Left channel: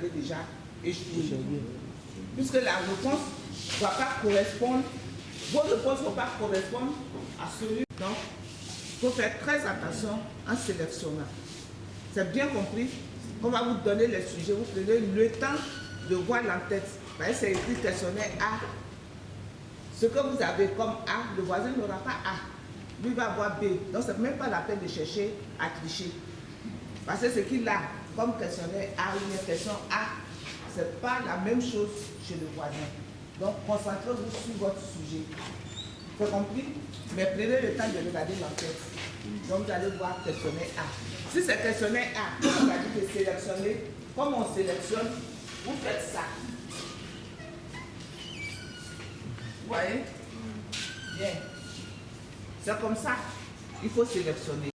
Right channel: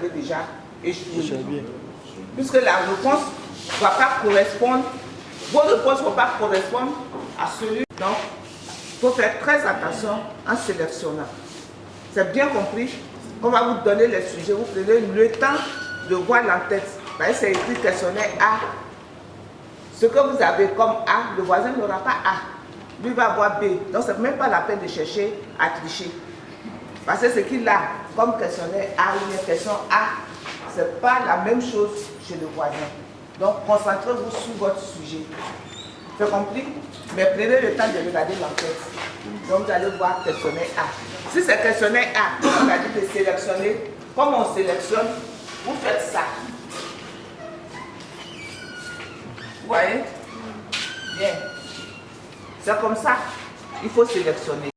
avez déjà échoué. Puisque la réponse ne va pas correspondre, vos réponses ne vont pas correspondre à celui. Donc, il faut faire très attention en sélectionnant. C'est bien compris. On va vous donner les sujets, vous prenez le temps de voir l'entête. C'est écrit questionnaire A. Ce que vous avez comme A, le voisin n'aura pas A. Lui va avoir B. Donc, ce n'est même pas la peine de chercher à tricher. Parce que ce qu'il a comme questionnaire A ou une question A, ce n'est pas la même chose chez le voisin. Donc, concentrez-vous sur votre sujet. Vous avez compris? Mais prenez le temps de regarder l'enquête. Donc, vous allez voir questionnaire A. Si c'est questionnaire A, on a dit de sélectionner. Comme on sélectionne, vous faites ça. Vous voyez? Bien. C'est comme ça. Il faut sélectionner.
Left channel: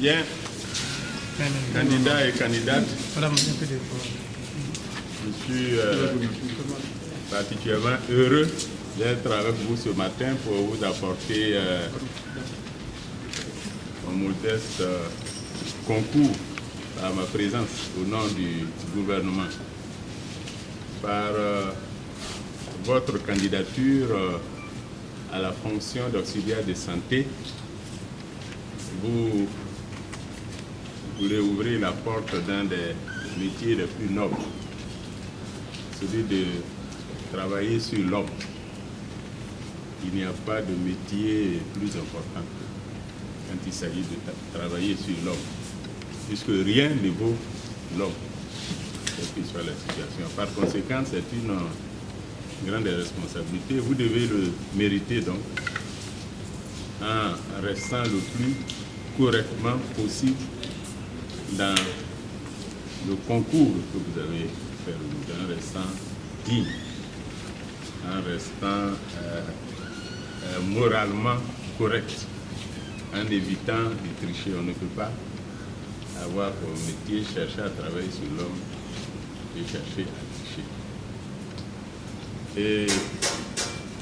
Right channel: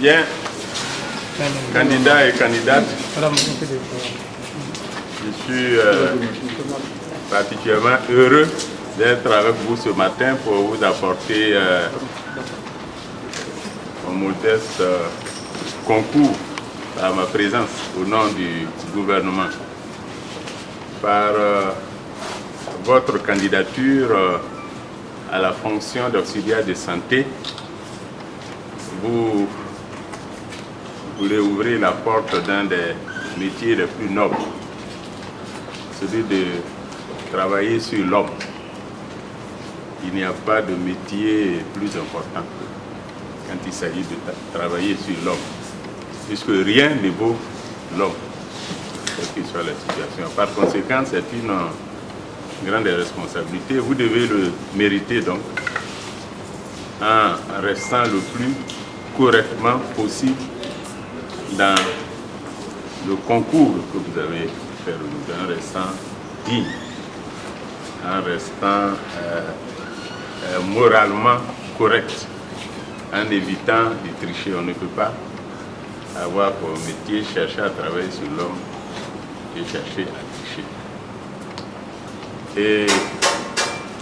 Bien, candidats et candidates, je suis particulièrement heureux d'être avec vous ce matin pour vous apporter un modeste concours à ma présence au nom du gouvernement. Par votre candidature à la fonction d'auxiliaire de santé, vous voulez ouvrir la porte d'un des métiers les plus nobles, celui de travailler sur l'homme. Il n'y a pas de métier plus important quand il s'agit de travailler sur l'homme, puisque rien ne vaut l'homme, quelle que soit la situation. Par conséquent, c'est une grande responsabilité. Vous devez le mériter donc, en restant le plus correctement possible dans le concours que vous avez fait, en restant digne, en restant moralement correct, en évitant de tricher. On ne peut pas avoir pour métier chercher à travailler sur l'homme et chercher à tricher. Et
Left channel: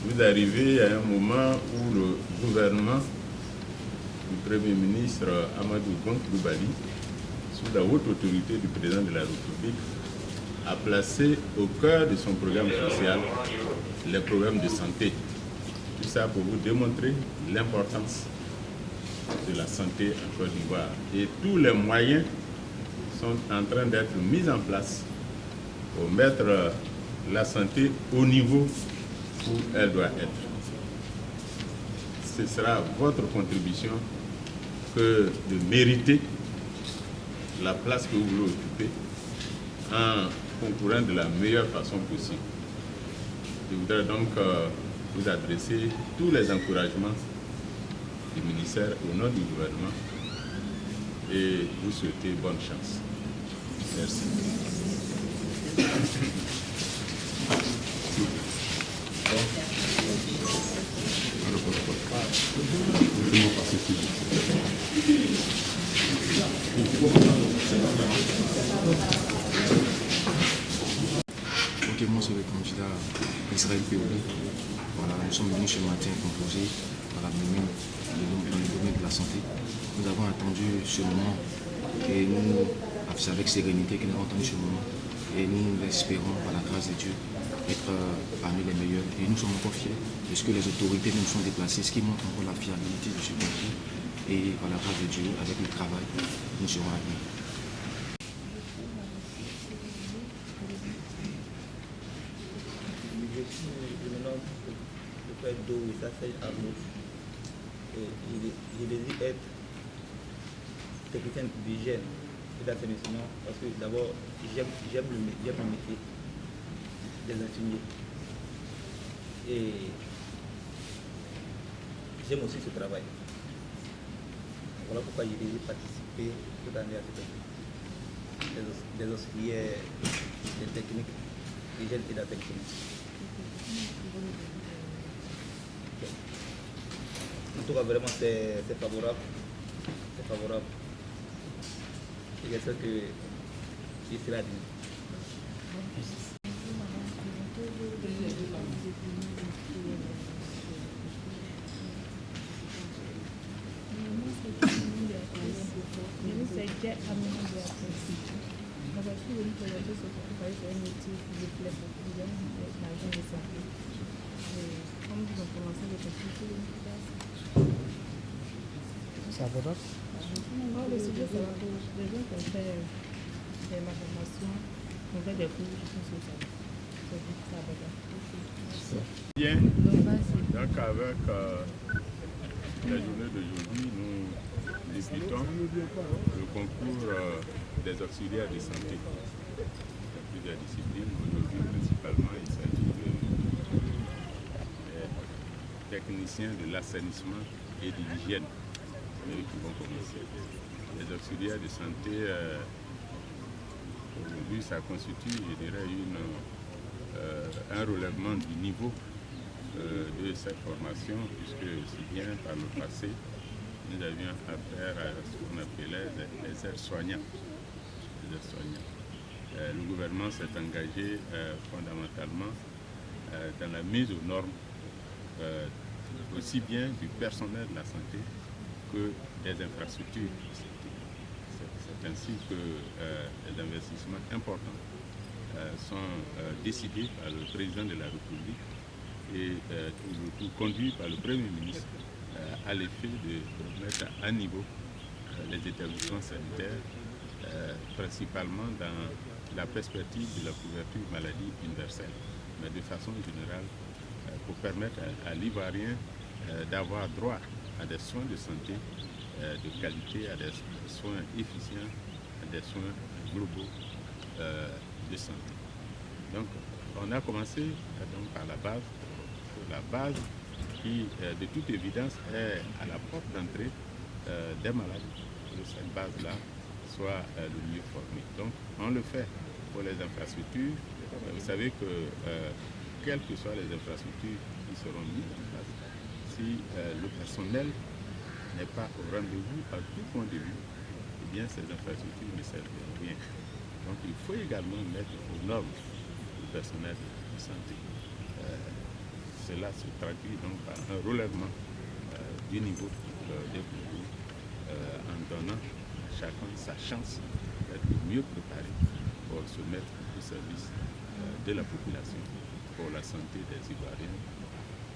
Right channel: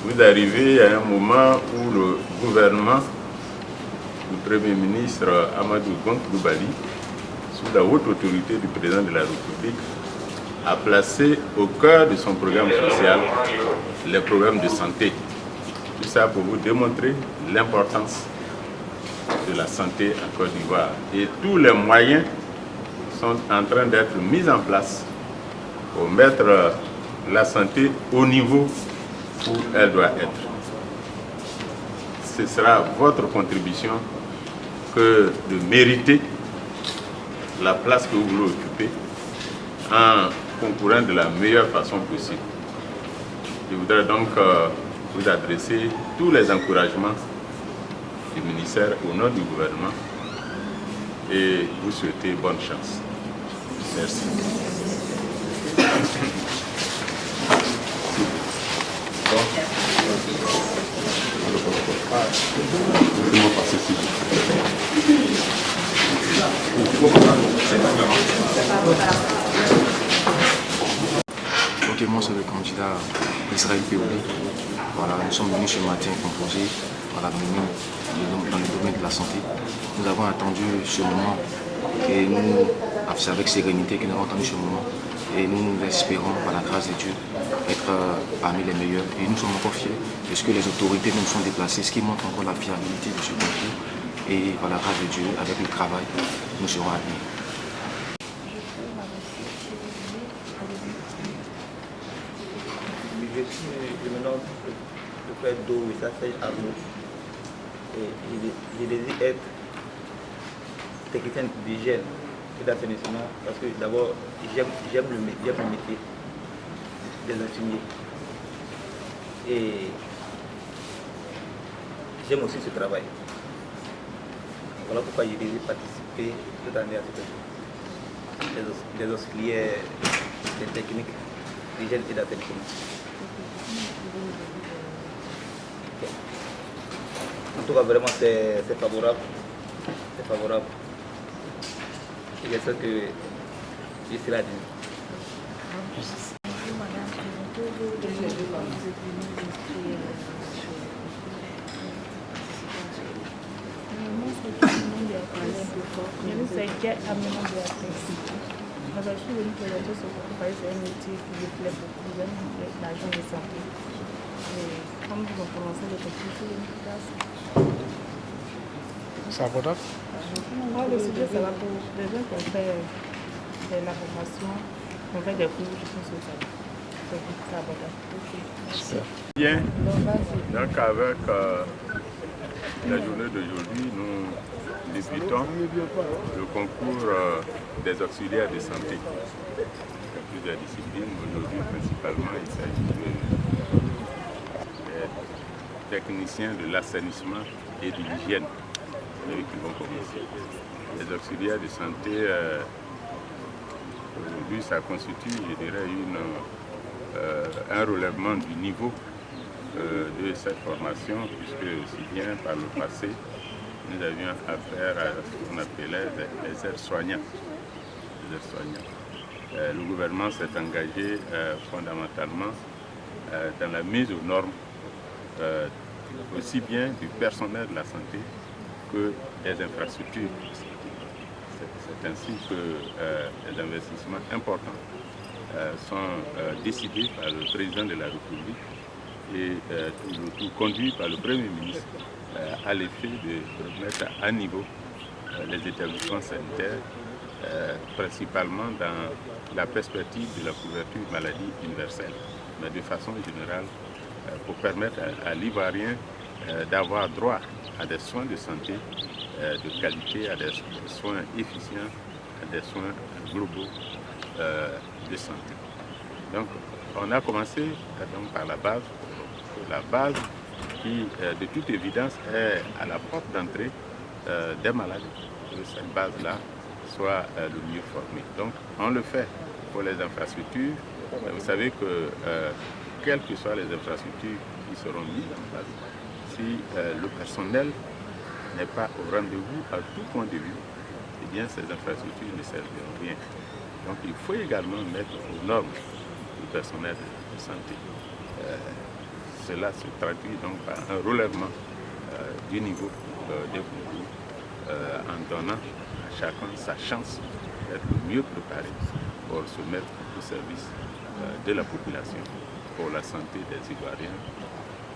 vous arrivez à un moment où le gouvernement du Premier ministre Amadou Coulibaly, sous la haute autorité du président de la République, a placé au cœur de son programme social les problèmes de santé. Tout ça pour vous démontrer l'importance de la santé en Côte d'Ivoire. Et tous les moyens sont en train d'être mis en place pour mettre la santé au niveau où elle doit être. Ce sera votre contribution que de mériter la place que vous voulez occuper en concourant de la meilleure façon possible. Je voudrais donc vous adresser tous les encouragements du ministère au nom du gouvernement et vous souhaiter bonne chance. Merci. Ok, moi c'est le candidat Israël Péoulé. Voilà, nous sommes venus ce matin composer dans le domaine de la santé. Nous avons attendu ce moment et nous, c'est avec sérénité que nous avons attendu ce moment. Et nous espérons, par la grâce de Dieu, être parmi les meilleurs. Et nous sommes encore fiers de ce que les autorités nous sont déplacées, ce qui montre encore la fiabilité de ce concours. Et par la grâce de Dieu, avec le travail, nous serons admis. Je me nomme le frère d'eau, ça c'est Arnaud. Et je désire être technicien d'hygiène et d'assainissement parce que d'abord j'aime le métier des infirmiers. Et j'aime aussi ce travail. Voilà pourquoi je désire participer toute année à cette chose. Des auxiliaires, des techniques d'hygiène et d'assainissement. En tout cas, vraiment, c'est favorable. C'est favorable. Et j'espère que je serai admis. Je suis venue présenter ce concours parce que c'est un métier qui me plaît beaucoup. J'aime l'agent de santé. Et comme ils ont commencé le concours, je suis venue pour ça. C'est abordable? Le sujet, ça va pour les gens qui ont fait de la formation, qui ont fait des cours, je pense que c'est abordable. Bien, donc avec la journée d'aujourd'hui, nous débutons le concours des auxiliaires de santé. Il y a plusieurs disciplines. Aujourd'hui, principalement, il s'agit des techniciens de l'assainissement et de l'hygiène qui vont commencer. Les auxiliaires de santé, aujourd'hui, ça constitue, je dirais, un relèvement du niveau de cette formation, puisque aussi bien par le passé, nous avions affaire à ce qu'on appelait les aides-soignants. Le gouvernement s'est engagé fondamentalement dans la mise aux normes aussi bien du personnel de la santé que des infrastructures. C'est ainsi que les investissements importants sont décidés par le président de la République et tout conduit par le Premier ministre à l'effet de mettre à niveau les établissements sanitaires, principalement dans la perspective de la couverture maladie universelle, mais de façon générale pour permettre à l'Ivoirien d'avoir droit à des soins de santé de qualité, à des soins efficients, à des soins globaux de santé. Donc on a commencé donc, par la base qui de toute évidence est à la porte d'entrée des malades, que cette base-là soit le mieux formée. Donc on le fait pour les infrastructures. Vous savez que quelles que soient les infrastructures qui seront mises en place, si le personnel n'est pas au rendez-vous à tout point de vue, eh bien ces infrastructures ne serviront rien. Donc il faut également mettre aux normes le personnel de santé. Cela se traduit donc par un relèvement du niveau des concours en donnant à chacun sa chance d'être le mieux préparé pour se mettre au service de la population, pour la santé des Ivoiriens,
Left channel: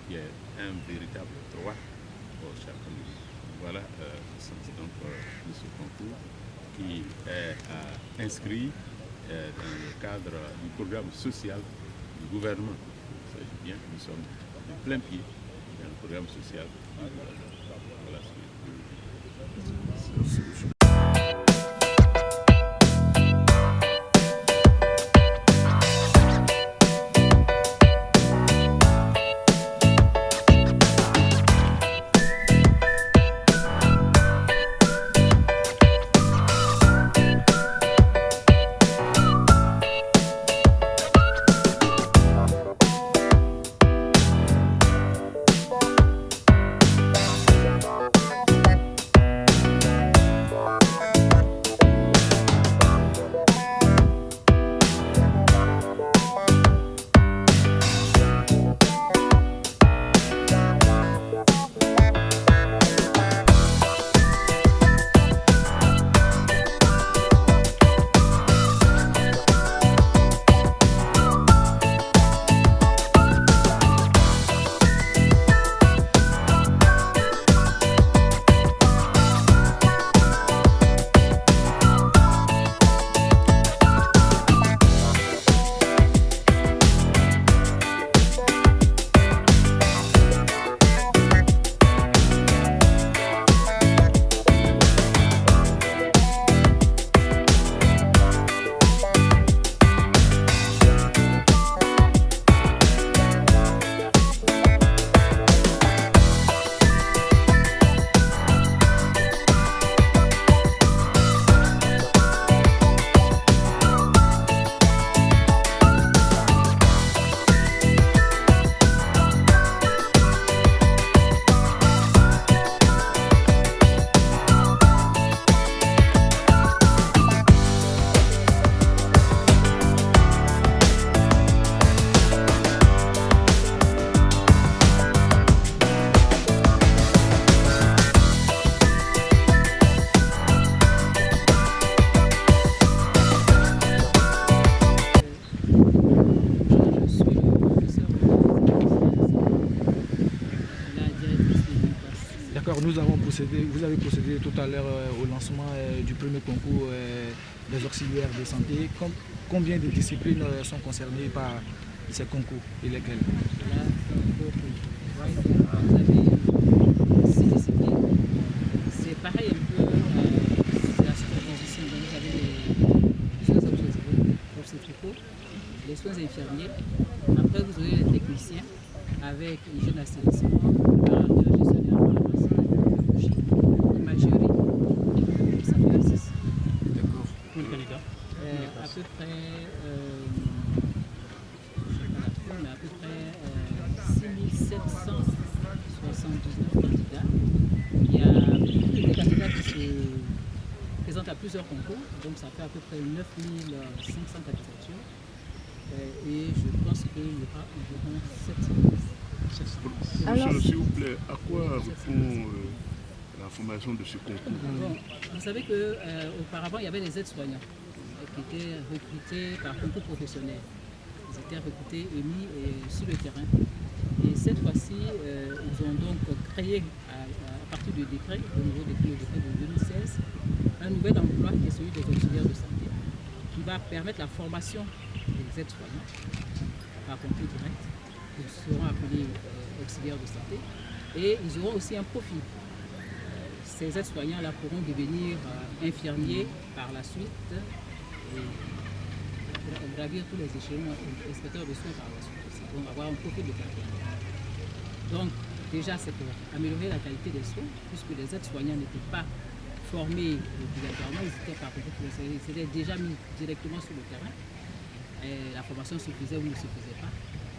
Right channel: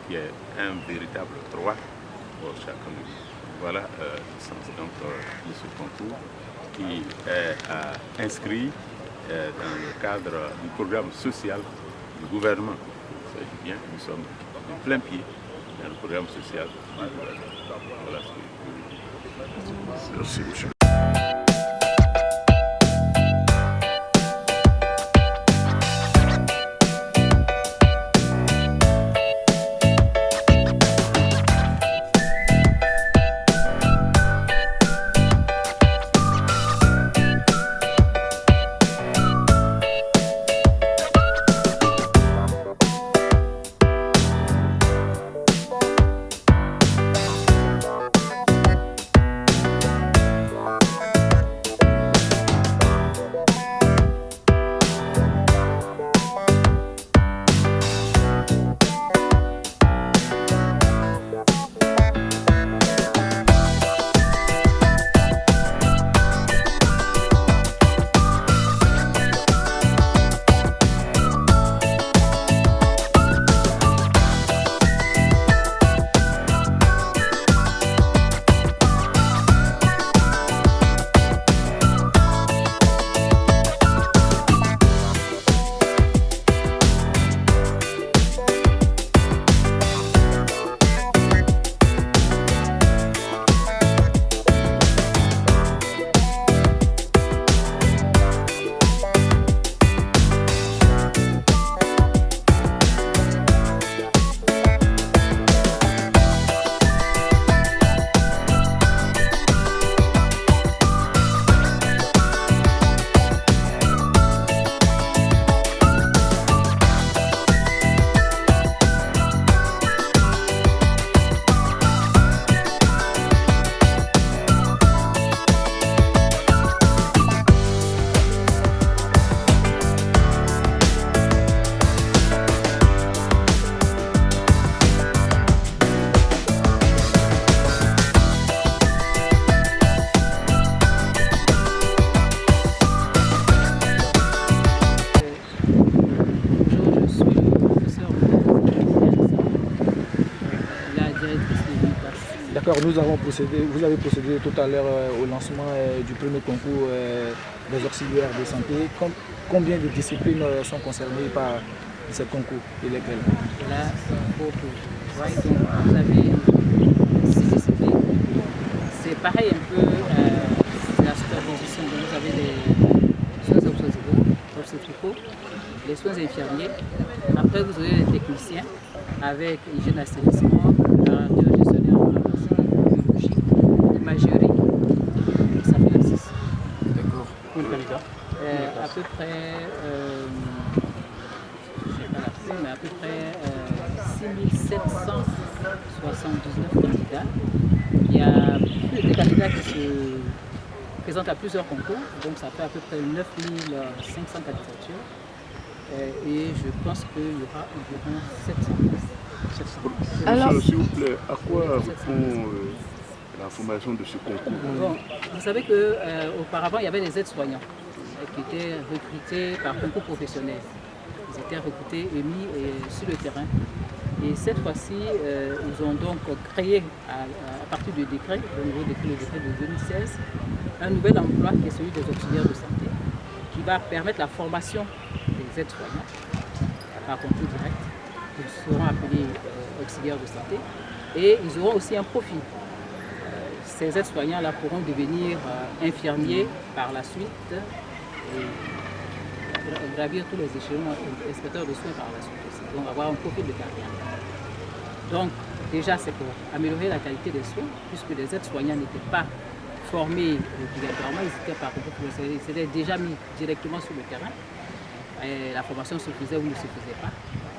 qui est un véritable droit pour chacun de nous. Voilà le sens donc, de ce concours qui est inscrit dans le cadre du programme social du gouvernement. Vous savez bien que nous sommes de plein pied dans le programme social du gouvernement. Voilà ce que je peux dire. Merci, monsieur. D'accord, vous avez procédé tout à l'heure au lancement du premier concours des auxiliaires de santé. Combien de disciplines sont concernées par ces concours et lesquelles? Là, beaucoup. Ouais, donc vous avez 6 disciplines. C'est pareil un peu, c'est la superposition. Donc vous avez les soins obstétricaux, les soins infirmiers. Après vous avez les techniciens avec hygiène assainissement, opérateur gestionnaire en pharmacie, biologie, imagerie. Ça fait le 6. D'accord. Pour le candidat à peu près, je ne sais pas la plus, mais à peu près 6779 candidats Il y a des candidats qui se présentent à plusieurs concours, donc ça fait à peu près 9500 candidatures. Et je pense qu'il y aura environ 700 places. Alors, s'il vous plaît, à quoi répond la formation de ce concours? Bon, vous savez qu'auparavant, il y avait des aides-soignants qui étaient recrutés par concours professionnel. Ils étaient recrutés et mis sur le terrain. Et cette fois-ci, ils ont donc créé, à partir du décret, le nouveau décret, le décret de 2016, un nouvel emploi qui est celui des auxiliaires de santé, qui va permettre la formation des aides-soignants par concours direct. Ils seront appelés auxiliaires de santé et ils auront aussi un profil. Ces aides-soignants-là pourront devenir infirmiers par la suite et gravir tous les échelons, inspecteurs de soins par la suite aussi. Donc avoir un profil de carrière. Donc déjà c'est pour améliorer la qualité des soins, puisque les aides-soignants n'étaient pas formés obligatoirement, ils étaient par concours professionnel, ils étaient déjà mis directement sur le terrain. Et la formation se faisait ou ne se faisait pas.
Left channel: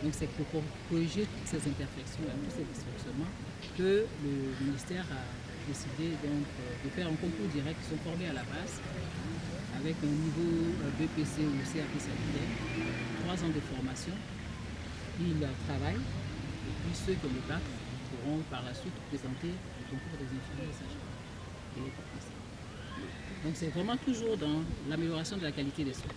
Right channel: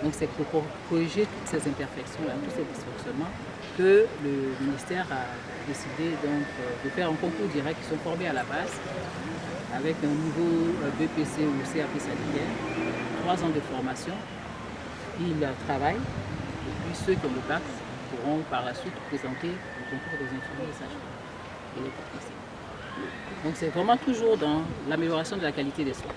Donc c'est pour corriger toutes ces imperfections-là, tous ces dysfonctionnements, que le ministère a décidé donc, de faire un concours direct. Ils sont formés à la base avec un niveau BPC ou CAP sanitaire, 3 ans de formation. Ils travaillent et puis ceux qui ont le bac pourront par la suite présenter le concours des infirmiers et sages-femmes et les techniciens. Donc c'est vraiment toujours dans l'amélioration de la qualité des soins.